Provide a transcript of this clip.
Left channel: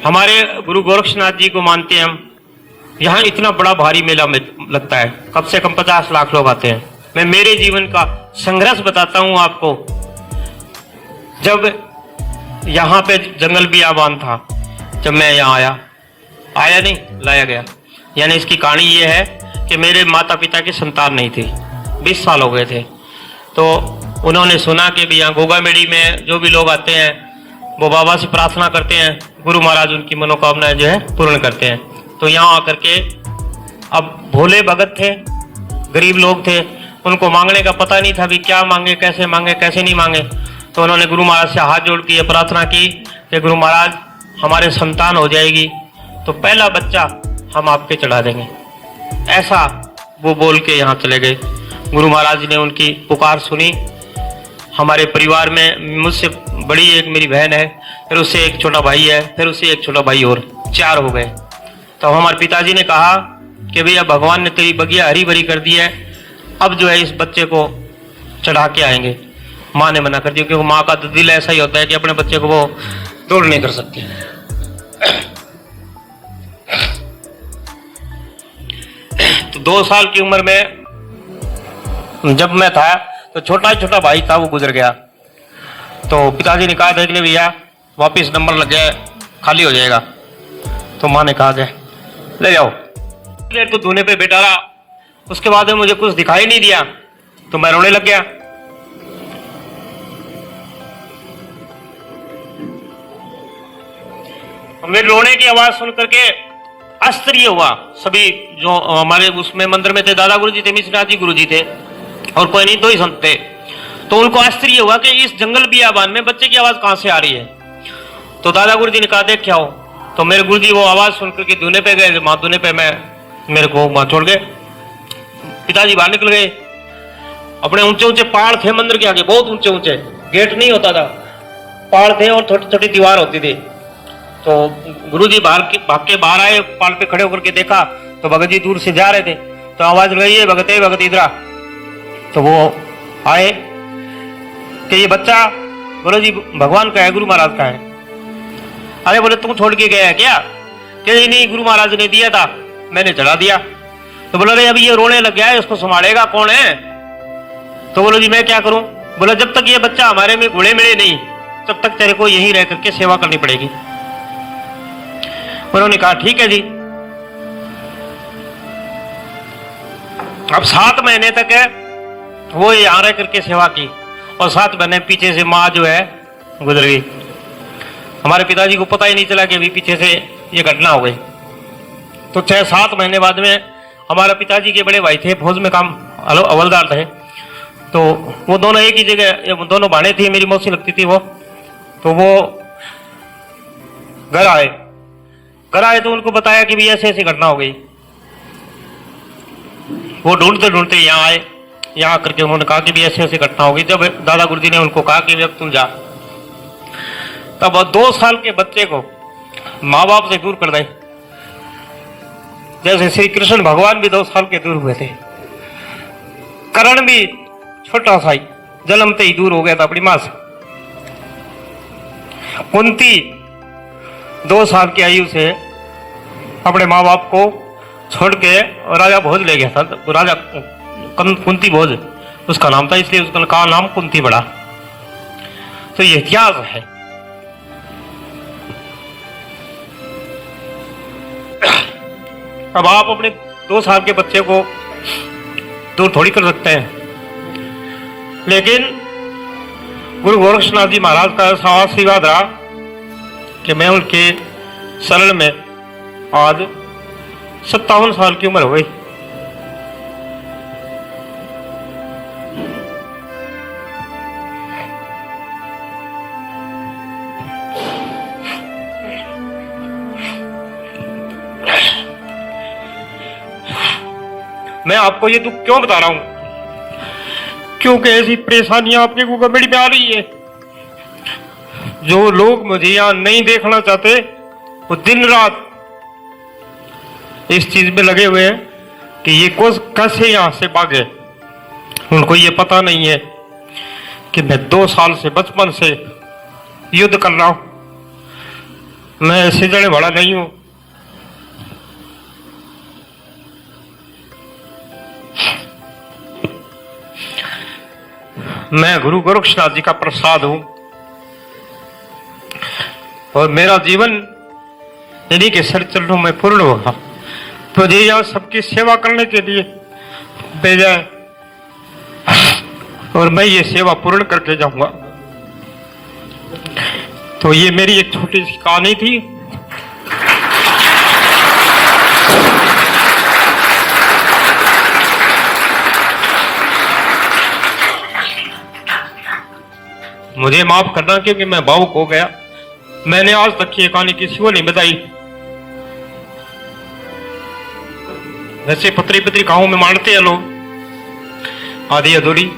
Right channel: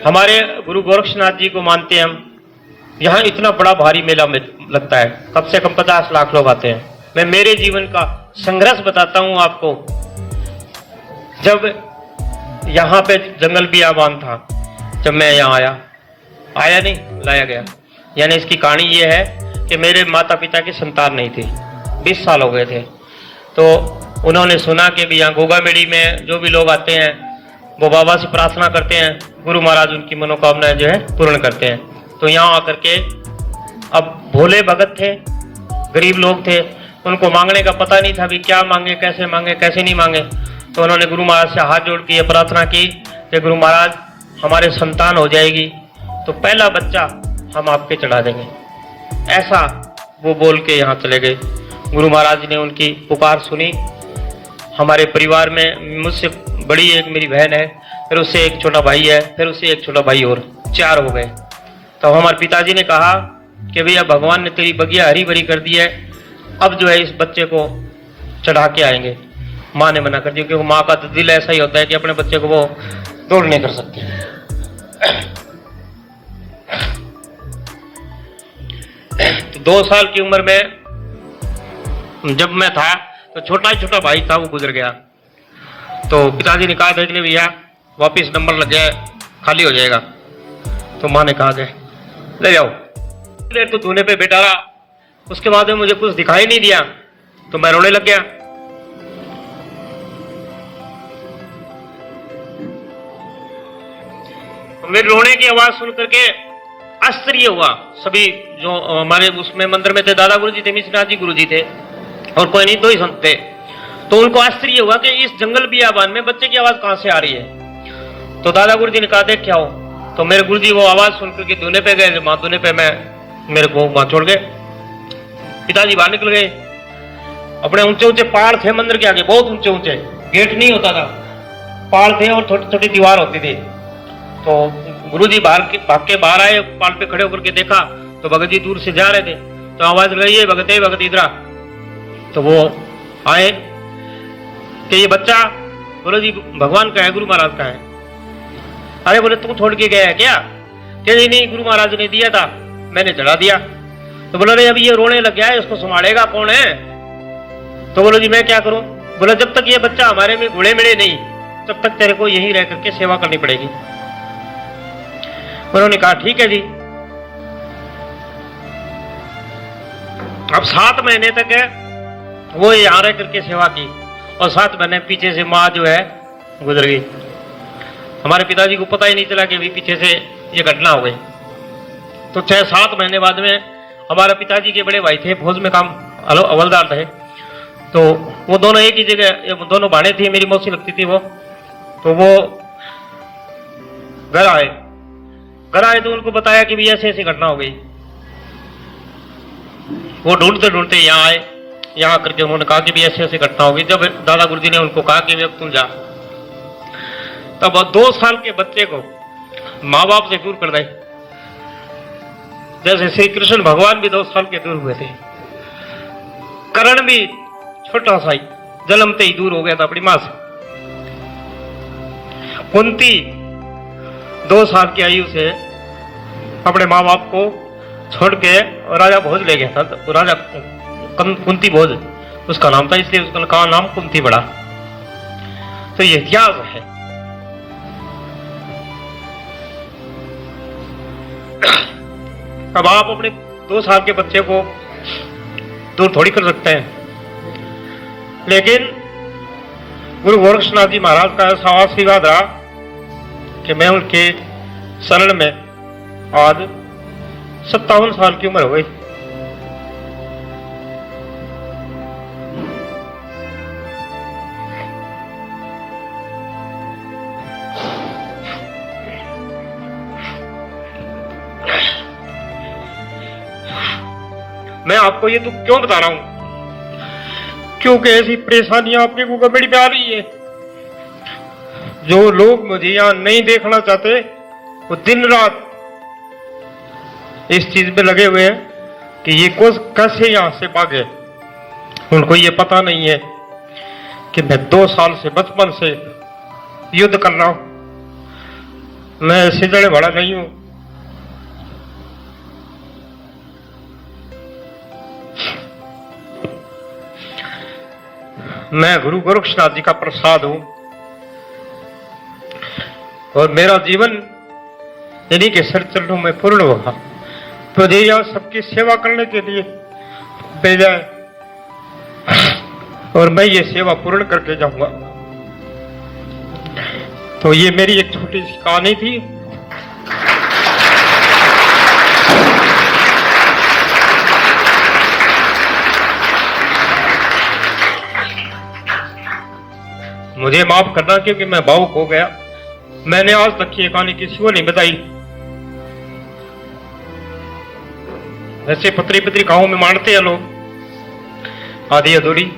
हमारे गुरु गोरक्षनाथ जी को मानते हैं हम। यहाँ इतना बड़ा भारी मेला लगता है, कम से कम 50 लाख लोग आते हैं। मैं मेरे जीवन का संघर्ष बताता हूँ आपको। जब यहाँ पे जंगल बियाबान था, जब मैं यहाँ आया नहीं, लाया गया। यानी इसकी कहानी ये है कि मेरे माता पिता की संतान नहीं थी, 20 साल हो गए थे। तो उन्होंने सुना कि भी यहाँ गोगामेड़ी में जो भी लोग आते हैं वो बाबा से प्रार्थना करते हैं, गुरु महाराज उनकी मनोकामनाएं जो है पूर्ण करते हैं। तो यहाँ आकर के, अब भोले भगत थे, गरीब लोग थे, उनको मांगने का पता नहीं था भी क्या मांगे, कैसे नहीं मांगे। तो उन्होंने गुरु महाराज से हाथ जोड़ के प्रार्थना की कि गुरु महाराज हमारे संतान हो जाएगी तो पहला बच्चा हम आपके चढ़ा देंगे। ऐसा वो बोल के यहाँ चले गए। गुरु महाराज ने उनकी पुकार सुनी। हमारे परिवार में मुझसे बड़ी एक मेरी बहन है, फिर उससे एक छोटा भाई है, फिर उससे एक छोटा भाई, और 4 हो गए। तो हमारे पिताजी ने कहा कि भैया भगवान ने तेरी बगिया हरी भरी कर दी है, अब जो है इस बच्चे को चढ़ा के आएंगे। माँ ने मना कर दिया, क्योंकि माँ का तो दिल ऐसा ही होता है कि अपने बच्चे को वो दौड़ नहीं कर सकती। तो 2 साल की उम्र में जब मैं था तो छोटा भाई था, वो गुजर गया। तो पिताजी ने कहा देख ले भैया वापिस नंबर लग गया, खाली हो जाएगा। तो माँ ने कहा ले जाओ। देर तो धोने पे बैठा रहा, उसके बाद में मुझे कुछ दिखाई नहीं दिया तो मैं रोने लग गया। मेरे रोने की आवाज सुन करके आश्चर्य हुआ। सभी जो हमारे उसमें मंदिर में थे, दादा गुरु जी थे, मिश्रनाथ जी गुरु जी थे, और कोई नहीं, 2 ही संत थे। तो उनको आश्चर्य हुआ कि इस जंगल बियाबान में बच्चे की आवाज कहां से आ रही है। तो दादा गुरु जी ने कहा देख क्या हो। तो मेरे गुरु जी वो आवाज सुन करके धुने पे गए। माँ धुने पे मेरे को वहां छोड़ गए। पिताजी बाहर निकल गए। अपने ऊंचे पहाड़ थे मंदिर के आगे, बहुत ऊंचे, गेट नहीं होता था, पहाड़ थे और छोटी दीवार होती थी। तो गुरुजी भाग के बाहर आए, पहाड़ पे खड़े होकर के देखा तो भगत जी दूर से जा रहे थे। तो आवाज लगी है भगत इधर आ। तो वो आए कि ये बच्चा बोलो जी भगवान का है, गुरु महाराज का है। अरे बोले तू छोड़ के गया है क्या? कि नहीं गुरु महाराज ने दिया था, मैंने चढ़ा दिया। तो बोलो रे अभी ये रोने लग गया है, इसको संभालेगा कौन है? तो बोलो जी मैं क्या करूं? बोले जब तक ये बच्चा हमारे में घुले मिले नहीं तब तक तेरे को यही रह करके सेवा करनी पड़ेगी। उन्होंने कहा ठीक है जी। अब 7 महीने तक है वो यहाँ रह करके सेवा की, और 7 महीने पीछे से माँ जो है गुजर गई। हमारे पिताजी को पता ही नहीं चला कि अभी पीछे से ये घटना हो गई। तो 6-7 महीने बाद में हमारे पिताजी के बड़े भाई थे, फौज में काम हवलदार थे। तो वो दोनों एक ही जगह, दोनों भाड़े थी, मेरी मौसी लगती थी वो। तो वो घर आए तो उनको बताया कि भी ऐसे घटना हो गई। वो ढूंढते यहाँ आए, यहाँ करके उन्होंने कहा कि भी ऐसे घटना हो गई। जब दादा गुरुजी ने उनको कहा कि अब तुम जा, तब 2 साल के बच्चे को माँ बाप से दूर कर दे। जैसे श्री कृष्ण भगवान भी 2 साल के दूर हुए थे, करण भी छोटा सा ही जन्मते ही दूर हो गया था अपनी मां से। कुंती 2 साल की आयु से अपने माँ बाप को छोड़ के राजा भोज ले गया था। तो राजा कुंती भोज उसका नाम था, इसलिए उसका नाम कुंती पड़ा। तो ये इतिहास है। अब आप अपने 2 साल के बच्चे को दूर थोड़ी कर सकते हैं, लेकिन गुरु गोरक्षनाथ जी महाराज का ऐसा आशीर्वाद रहा कि मैं उनके शरण में आज 57 साल की उम्र हो गई। मैं आपको ये तो क्यों बता रहा हूं? क्योंकि ऐसी परेशानियां आपके गोगामेड़ी पे आ रही है। जो लोग मुझे यहां नहीं देखना चाहते वो दिन रात इस चीज में लगे हुए हैं कि ये कैसे यहां से भागे। उनको ये पता नहीं है कि मैं 2 साल से बचपन से युद्ध कर रहा हूं। मैं इससे जड़े बड़ा नहीं हूं। मैं गुरु गोरक्षनाथ जी का प्रसाद हूं और मेरा जीवन इन्हीं के सर चरणों में पूर्ण हुआ। तो ये यहाँ सबकी सेवा करने के लिए भेजा है और मैं ये सेवा पूर्ण करके जाऊंगा। तो ये मेरी एक छोटी सी कहानी थी। मुझे माफ करना क्योंकि मैं भावुक हो गया। मैंने आज तक ये कहानी किसी को नहीं बताई। जैसे पत्री पत्री कहां में मानते हैं लोग आधी अधूरी।